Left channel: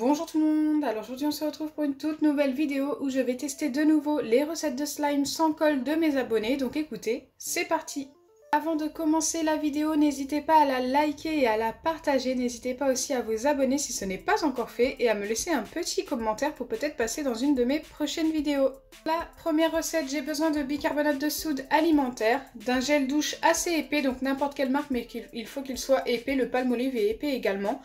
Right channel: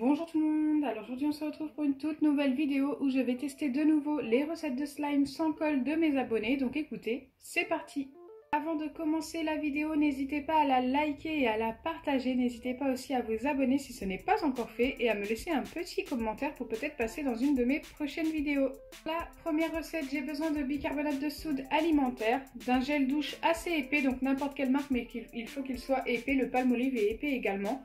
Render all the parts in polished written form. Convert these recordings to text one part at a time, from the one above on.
Bonjour tout le monde, alors aujourd'hui on se retrouve pour une toute nouvelle vidéo où je vais tester de nouveau les recettes de slime sans colle de mes abonnés, donc écoutez, c'est parti! Avant de commencer la vidéo, n'hésitez pas à la liker et à la partager, n'hésitez pas aussi à vous abonner si ce n'est pas encore fait et à me laisser un petit commentaire pour peut-être passer dans une de mes prochaines vidéos. La première recette, j'ai besoin de bicarbonate de soude alimentaire, d'un gel douche assez épais, donc n'importe quelle marque mais il faut qu'il soit épais, le Palmolive est épais également,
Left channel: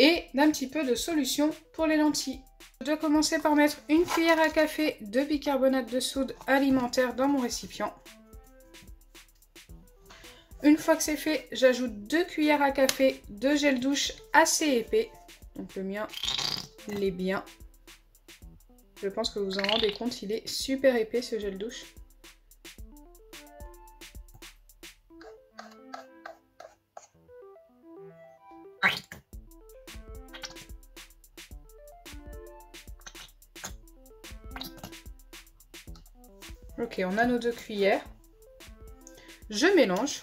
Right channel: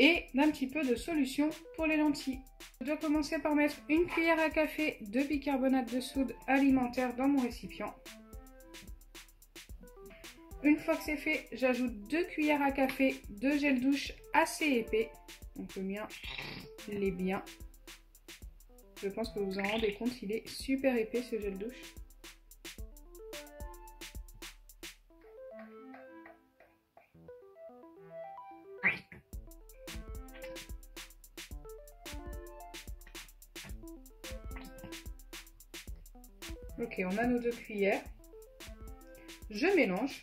et d'un petit peu de solution pour les lentilles. Je dois commencer par mettre une cuillère à café de bicarbonate de soude alimentaire dans mon récipient. Une fois que c'est fait, j'ajoute 2 cuillères à café de gel douche assez épais. Donc le mien l'est bien. Je pense que vous vous en rendez compte, il est super épais ce gel douche. Ok, on a nos 2 cuillères. Je mélange.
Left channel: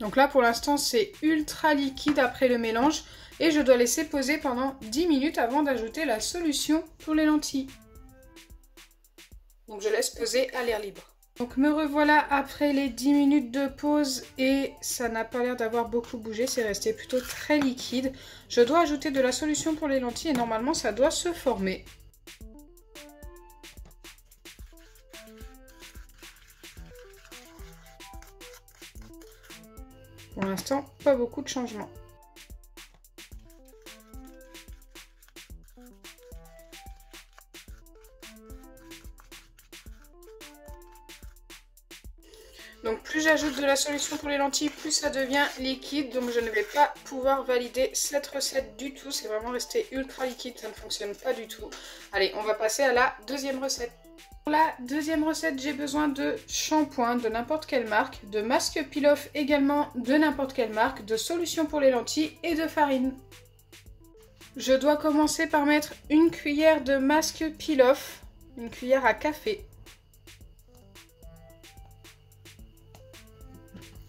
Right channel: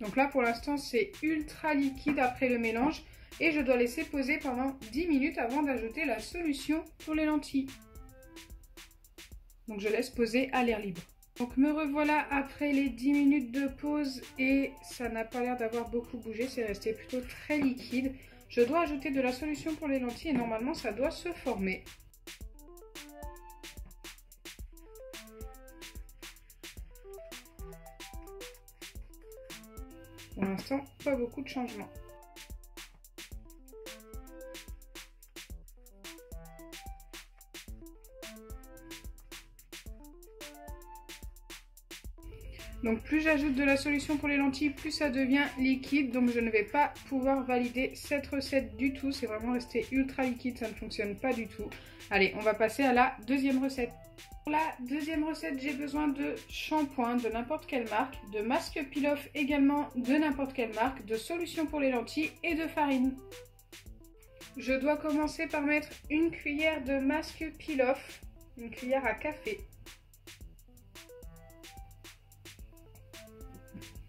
Donc là pour l'instant c'est ultra liquide après le mélange et je dois laisser poser pendant 10 minutes avant d'ajouter la solution pour les lentilles. Donc je laisse poser à l'air libre. Donc me revoilà après les 10 minutes de pause et ça n'a pas l'air d'avoir beaucoup bougé, c'est resté plutôt très liquide. Je dois ajouter de la solution pour les lentilles et normalement ça doit se former. Pour l'instant, pas beaucoup de changements. Donc plus j'ajoute de la solution pour les lentilles, plus ça devient liquide. Donc je ne vais pas pouvoir valider cette recette du tout. C'est vraiment resté ultra liquide, ça ne fonctionne pas du tout. Allez, on va passer à la deuxième recette. Pour la deuxième recette, j'ai besoin de shampoing de n'importe quelle marque, de masque peel-off également de n'importe quelle marque, de solution pour les lentilles et de farine. Je dois commencer par mettre une cuillère de masque peel-off, une cuillère à café.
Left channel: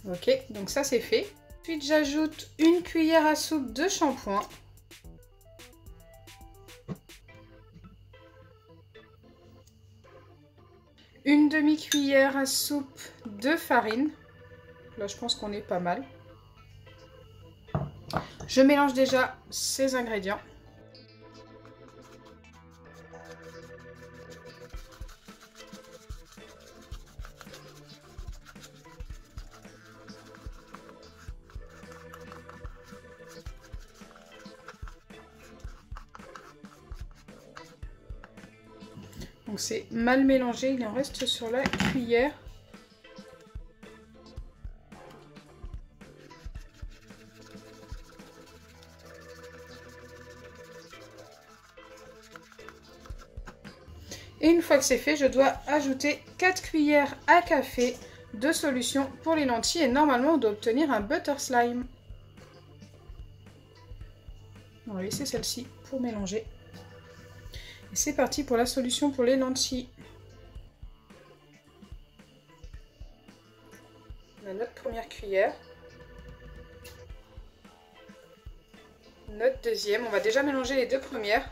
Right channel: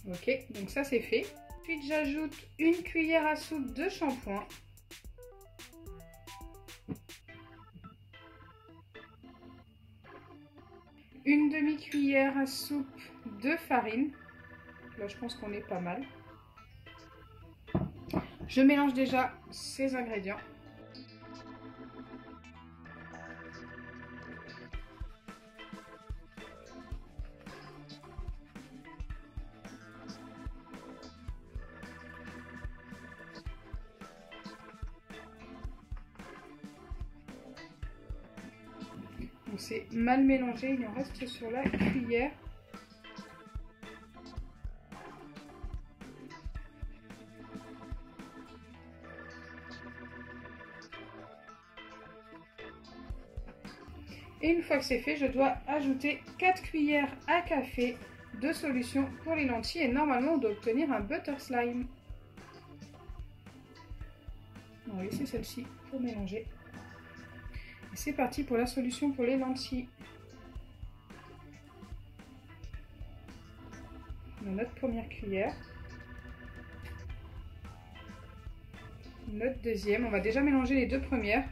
Ok, donc ça c'est fait. Ensuite j'ajoute une cuillère à soupe de shampoing. Une demi-cuillère à soupe de farine. Là je pense qu'on est pas mal. Je mélange déjà ces ingrédients. Donc c'est mal mélangé, il en reste sur la cuillère. Et une fois que c'est fait, je dois ajouter 4 cuillères à café de solution pour les lentilles et normalement on doit obtenir un butter slime. On va laisser celle-ci pour mélanger. Et c'est parti pour la solution pour les lentilles. On a notre première cuillère. Notre deuxième. On va déjà mélanger les 2 premières.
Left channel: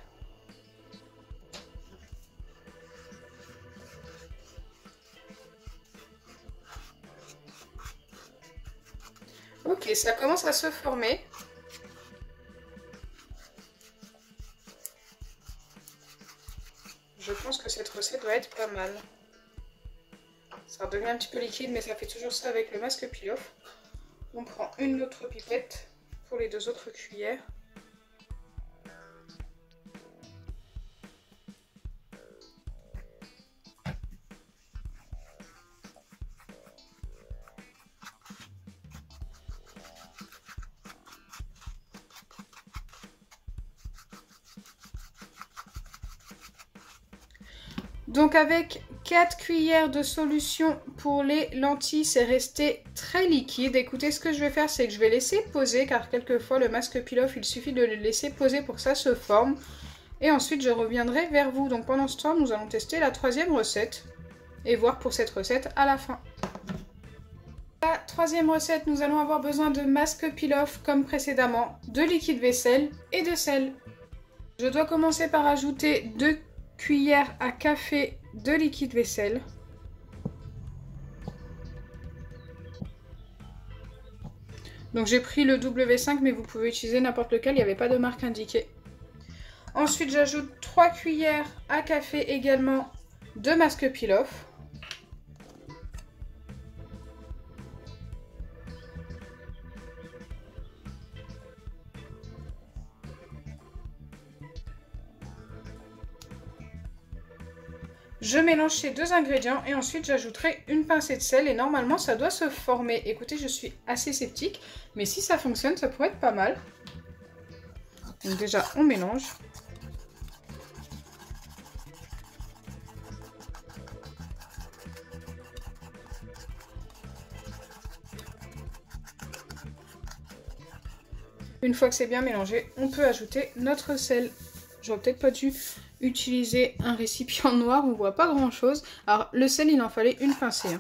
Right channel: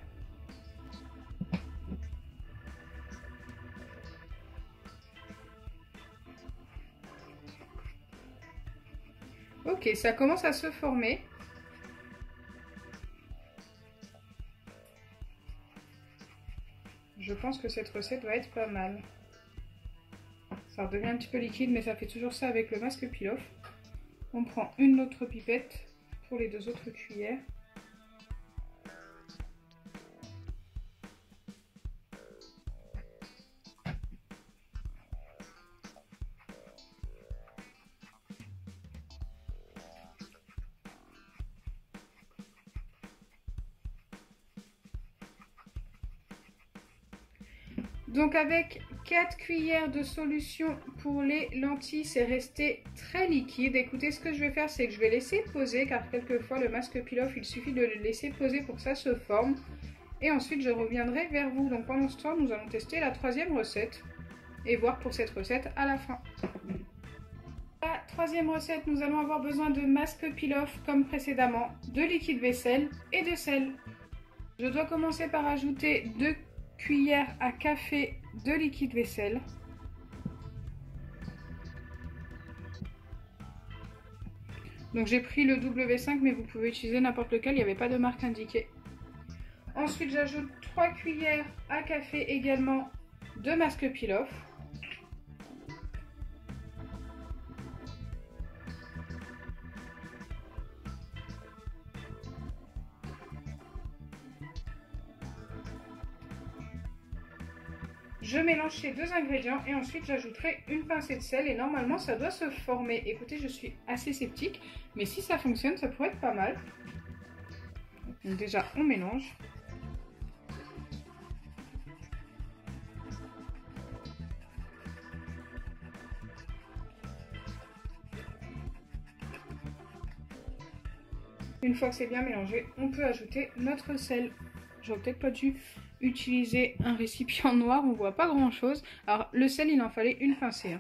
Ok, ça commence à se former. Je pense que cette recette doit être pas mal. Ça redevient un petit peu liquide, mais ça fait toujours ça avec le masque peel-off. On prend une autre pipette pour les 2 autres cuillères. Donc avec 4 cuillères de solution pour les lentilles, c'est resté très liquide. Écoutez, ce que je vais faire, c'est que je vais laisser poser, car quelquefois le masque peel-off, il suffit de le laisser poser pour que ça se forme. Et ensuite, je reviendrai vers vous. Donc pendant ce temps, nous allons tester la troisième recette et voir pour cette recette à la fin. La troisième recette, nous allons avoir besoin de masque peel-off comme précédemment, de liquide vaisselle et de sel. Je dois commencer par ajouter 2 cuillères à café de liquide vaisselle. Donc j'ai pris le W5 mais vous pouvez utiliser n'importe lequel, il n'y avait pas de marque indiquée. Ensuite j'ajoute 3 cuillères à café également de masque peel-off. Je mélange ces deux ingrédients et ensuite j'ajouterai une pincée de sel et normalement ça doit se former. Écoutez, je suis assez sceptique, mais si ça fonctionne, ça pourrait être pas mal. Donc déjà, on mélange. Une fois que c'est bien mélangé, on peut ajouter notre sel. J'aurais peut-être pas dû utiliser un récipient noir, on voit pas grand chose. Alors le sel, il en fallait une pincée.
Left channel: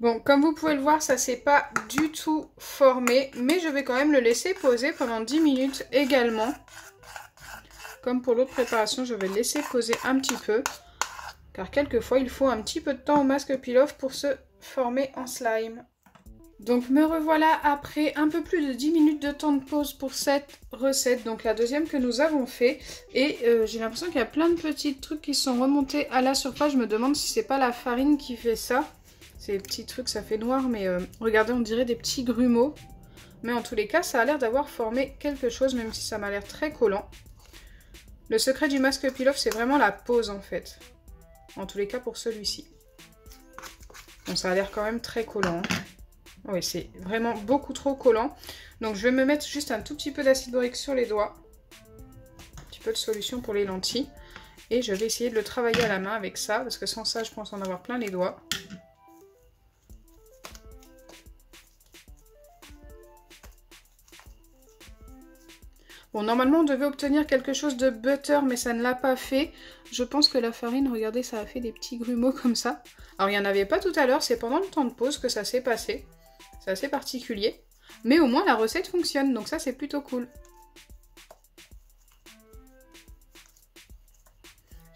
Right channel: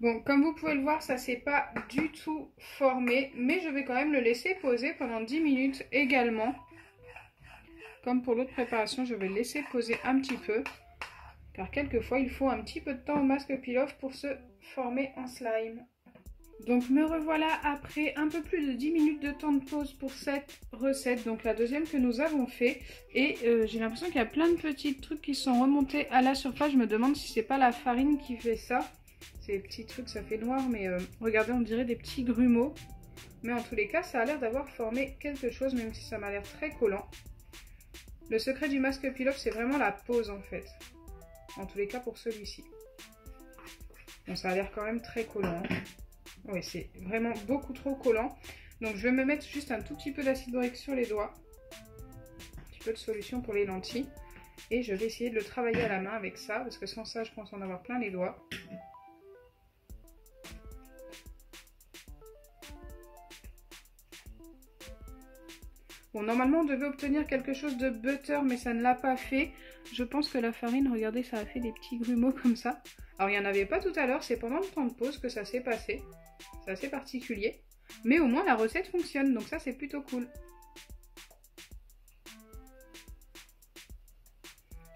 Bon, comme vous pouvez le voir, ça s'est pas du tout formé, mais je vais quand même le laisser poser pendant 10 minutes également. Comme pour l'autre préparation, je vais le laisser poser un petit peu. Car quelquefois, il faut un petit peu de temps au masque peel-off pour se former en slime. Donc me revoilà après un peu plus de 10 minutes de temps de pause pour cette recette. Donc la deuxième que nous avons fait. Et j'ai l'impression qu'il y a plein de petits trucs qui sont remontés à la surface. Je me demande si c'est pas la farine qui fait ça. Ces petits trucs, ça fait noir, mais regardez, on dirait des petits grumeaux. Mais en tous les cas, ça a l'air d'avoir formé quelque chose, même si ça m'a l'air très collant. Le secret du masque peel-off, c'est vraiment la pose en fait. En tous les cas pour celui-ci. Bon, ça a l'air quand même très collant. Oui, c'est vraiment beaucoup trop collant. Donc je vais me mettre juste un tout petit peu d'acide borique sur les doigts. Un petit peu de solution pour les lentilles. Et je vais essayer de le travailler à la main avec ça. Parce que sans ça, je pense en avoir plein les doigts. Bon, normalement, on devait obtenir quelque chose de butter, mais ça ne l'a pas fait. Je pense que la farine, regardez, ça a fait des petits grumeaux comme ça. Alors, il n'y en avait pas tout à l'heure, c'est pendant le temps de pause que ça s'est passé. C'est assez particulier. Mais au moins, la recette fonctionne, donc ça, c'est plutôt cool.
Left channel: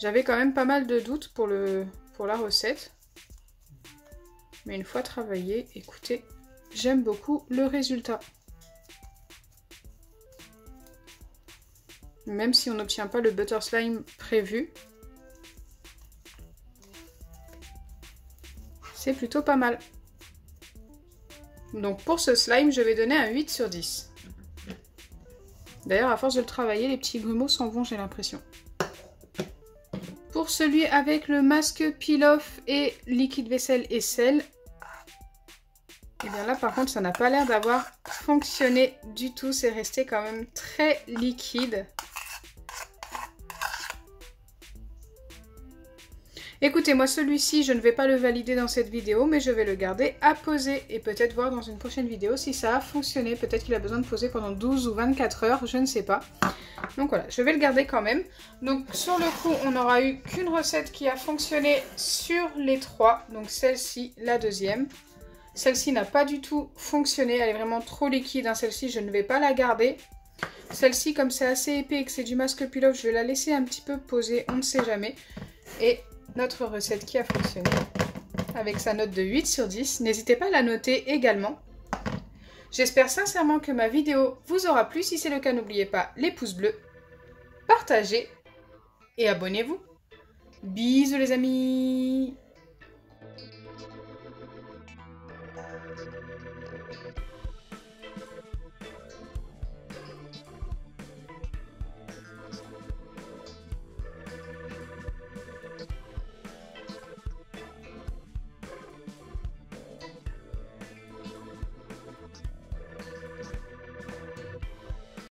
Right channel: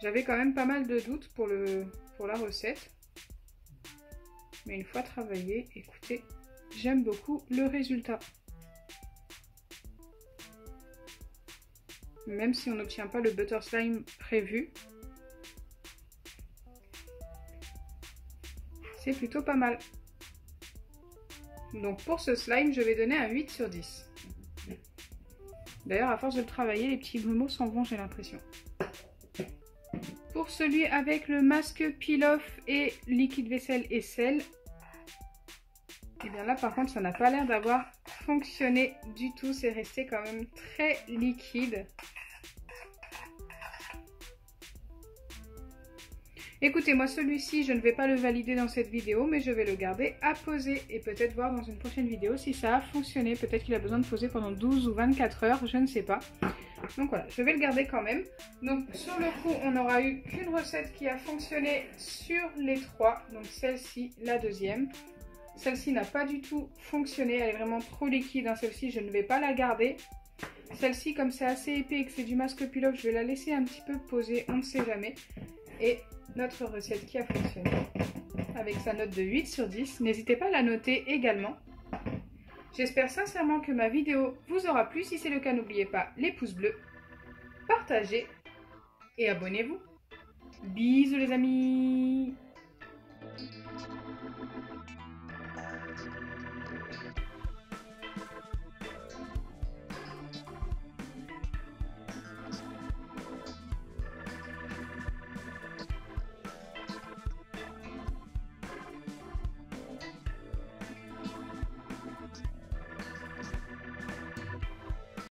J'avais quand même pas mal de doutes pour la recette. Mais une fois travaillé, écoutez, j'aime beaucoup le résultat. Même si on n'obtient pas le butter slime prévu, c'est plutôt pas mal. Donc pour ce slime, je vais donner un 8 sur 10. D'ailleurs, à force de le travailler, les petits grumeaux s'en vont, j'ai l'impression. Pour celui avec le masque peel-off et liquide vaisselle et sel, et bien là par contre, ça n'a pas l'air d'avoir fonctionné du tout. C'est resté quand même très liquide. Écoutez, moi celui-ci, je ne vais pas le valider dans cette vidéo, mais je vais le garder à poser et peut-être voir dans une prochaine vidéo si ça a fonctionné. Peut-être qu'il a besoin de poser pendant 12 ou 24 heures, je ne sais pas. Donc voilà, je vais le garder quand même. Donc sur le coup, on n'aura eu qu'une recette qui a fonctionné sur les 3. Donc celle-ci, la deuxième. Celle-ci n'a pas du tout fonctionné, elle est vraiment trop liquide. Hein. Celle-ci, je ne vais pas la garder. Celle-ci, comme c'est assez épais et que c'est du masque peel-off, je vais la laisser un petit peu poser, on ne sait jamais. Et notre recette qui a fonctionné avec sa note de 8 sur 10. N'hésitez pas à la noter également. J'espère sincèrement que ma vidéo vous aura plu. Si c'est le cas, n'oubliez pas les pouces bleus, partagez et abonnez-vous. Bisous les amis!